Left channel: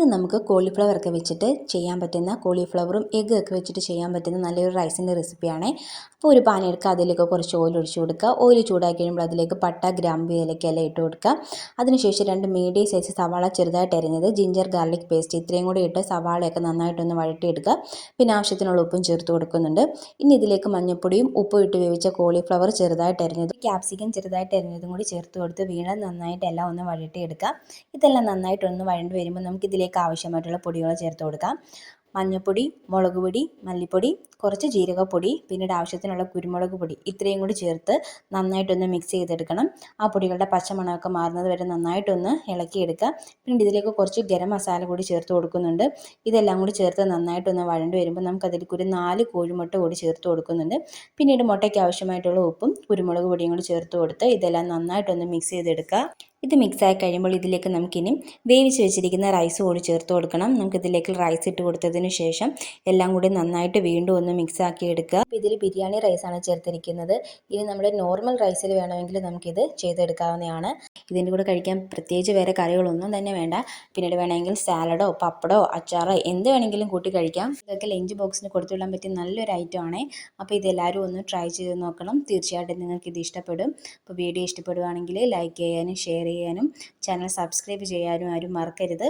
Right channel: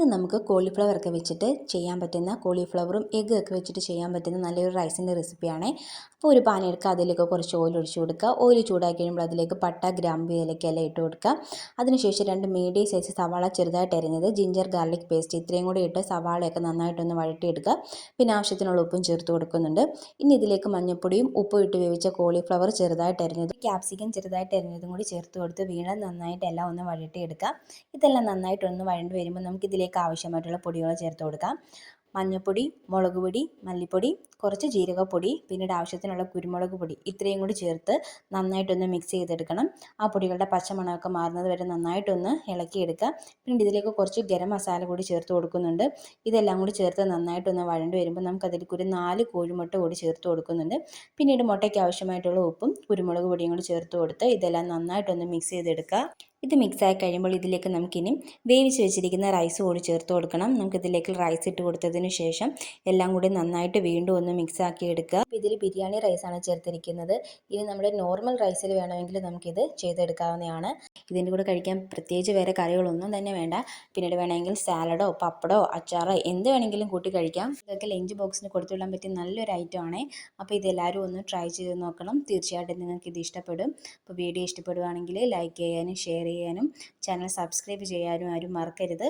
ഇന്ന് നമുക്ക് കോളിഫ്ലവർ ഒക്കെ വെച്ചിട്ട് ചെയ്യാൻ പറ്റുന്ന കോളിഫ്ലവറും എഗ്ഗ് ഒക്കെ വെച്ചിട്ട് ചെയ്യാൻ പറ്റുന്ന നല്ലൊരു റൈസിന്റെ റെസിപ്പിയാണ് അപ്പോൾ ഒരു പാൻ എടുക്കുക അതിലേക്ക് കുറച്ച് ഓയിൽ ഒഴിച്ചു കൊടുക്കുക. ഓയിൽ ചൂടാക്കി കഴിയുമ്പോൾ അതിലേക്ക് പട്ട ഗ്രാമ്പ് ഇലക്കെല്ലാം ഇട്ട് കൊടുക്കുക. അതിനുശേഷം രണ്ട് മീഡിയം സൈസ് സവാള ചെറുതായിട്ട് അരിഞ്ഞത് ജിഞ്ചർ ഗാർലിക് പേസ്റ്റ് ഇത്രയും കൂടി ഇട്ട് സവാളയൊക്കെ നന്നായിട്ടൊന്ന് വഴട്ടിയെടുക്കുക പിന്നെ ആവശ്യത്തിനുള്ള ഉപ്പും ചേർത്ത് കൊടുക്കുന്നുണ്ട്. ഇനി ഇതിലേക്ക് മഞ്ഞൾപ്പൊടിയും ഉപ്പും ഇട്ട് വേവിച്ച കോളിഫ്ലവർ ചെറുതായിട്ട് അരിഞ്ഞത് ക്യാപ്സിക്കം ചെറുതായിട്ട് അരിഞ്ഞതും കൂടി ചേർത്ത് കൊടുത്ത് വീണ്ടും നന്നായിട്ട് എല്ലാം ഒന്ന് വഴട്ടിയെടുക്കുക ഇതെല്ലാം നന്നായിട്ടൊന്ന് വഴണ്ടി വരുമ്പോൾ നമുക്ക് ഇതിലേക്ക് ആവശ്യമായിട്ടുള്ള പൊടികൾ ചേർത്ത് കൊടുക്കാം. മഞ്ഞൾപ്പൊടി മുളക് പൊടി മല്ലിപ്പൊടി കുറച്ച് ജീരകപ്പൊടി പിന്നീട് ആവശ്യത്തിനുള്ള കുരുമുളക് പൊടി ഇത്രയും കൂടി ചേർത്ത് നന്നായിട്ടൊന്ന് മിക്സ് ചെയ്തെടുക്കണം. ആ പൊടികളുടെ പച്ചമണമൊക്കെ മാറുന്നത് വരെ നന്നായിട്ടൊന്ന് ഇളക്കിയെടുക്കുക. പിന്നീട് ഇതിലേക്ക് കുറച്ച് ഗരം മസാല കൂടി ചേർത്ത് കൊടുക്കുന്നുണ്ട്. ഇതെല്ലാം കൂടി ചേർത്ത് നന്നായിട്ടൊന്ന് വഴണ്ട് വരുമ്പോൾ നമുക്ക് അതിലേക്ക് ഒരു നാല് കോഴിമുട്ട കൂടി ചേർത്ത് കൊടുക്കുന്നുണ്ട്. പിന്നീട് മുട്ടയ്ക്ക് ആവശ്യമായിട്ടുള്ള ഉപ്പും കുരുമുളക് പൊടിയും കൂടി ചേർത്ത് കൊടുത്ത് ഇതെല്ലാം നന്നായിട്ടൊന്ന് മിക്സ് ചെയ്തെടുക്കുക. ഇത് മിക്സായി കഴിയുമ്പോൾ ഇതിലേക്ക് നമുക്കിനി വേവിച്ച് വെച്ചിരിക്കുന്ന റൈസ് കൂടി ചേർത്ത് കൊടുക്കണം. നമുക്ക് ഇതിലേക്ക് റൈസ് ഇട്ട് കൊടുത്തതിന് ശേഷം എല്ലാം കൂടി നന്നായിട്ട് വീണ്ടും ഒന്ന് മിക്സ് ആക്കി എടുക്കുക ഇതിൽ ബിരിയാണി റൈസാണ് ചേർത്തിരിക്കുന്നത്. ഇനി നമ്മുടെ നോർമൽ റൈസിൽ വേണമെങ്കിൽ നമുക്കിത് ചെയ്തെടുക്കാവുന്നതാണ്. ഇതിന്റെ കൂടെ കഴിക്കാൻ പ്രത്യേകിച്ച് വേറെ കറികളൊന്നും തന്നെ വേണ്ട. പിന്നീട് വേണമെങ്കിൽ സാലഡോ പപ്പടോ അച്ചാറോ എന്ത് വേണമെങ്കിലും കൂട്ടി കഴിക്കാം. ഇതൊക്കെ ലഞ്ച് ബോക്സിന് കൊടുത്തു വിടാൻ പറ്റിയ നല്ലൊരു ഐറ്റം ആണ്. അപ്പോൾ ഇതെല്ലാവരും ഒന്ന് ട്രൈ ചെയ്ത് നോക്കണം. തീർച്ചയായിട്ടും നിങ്ങൾക്ക് ഇത് ഇഷ്ടപ്പെടും. അപ്പോൾ വീഡിയോ ഇഷ്ടപ്പെടുകയാണെങ്കിൽ ലൈക്ക് ചെയ്യാനും ഷെയർ ചെയ്യാനും ചാനൽ സബ്സ്ക്രൈബ് ചെയ്യാനും ആരും മറക്കരുത്.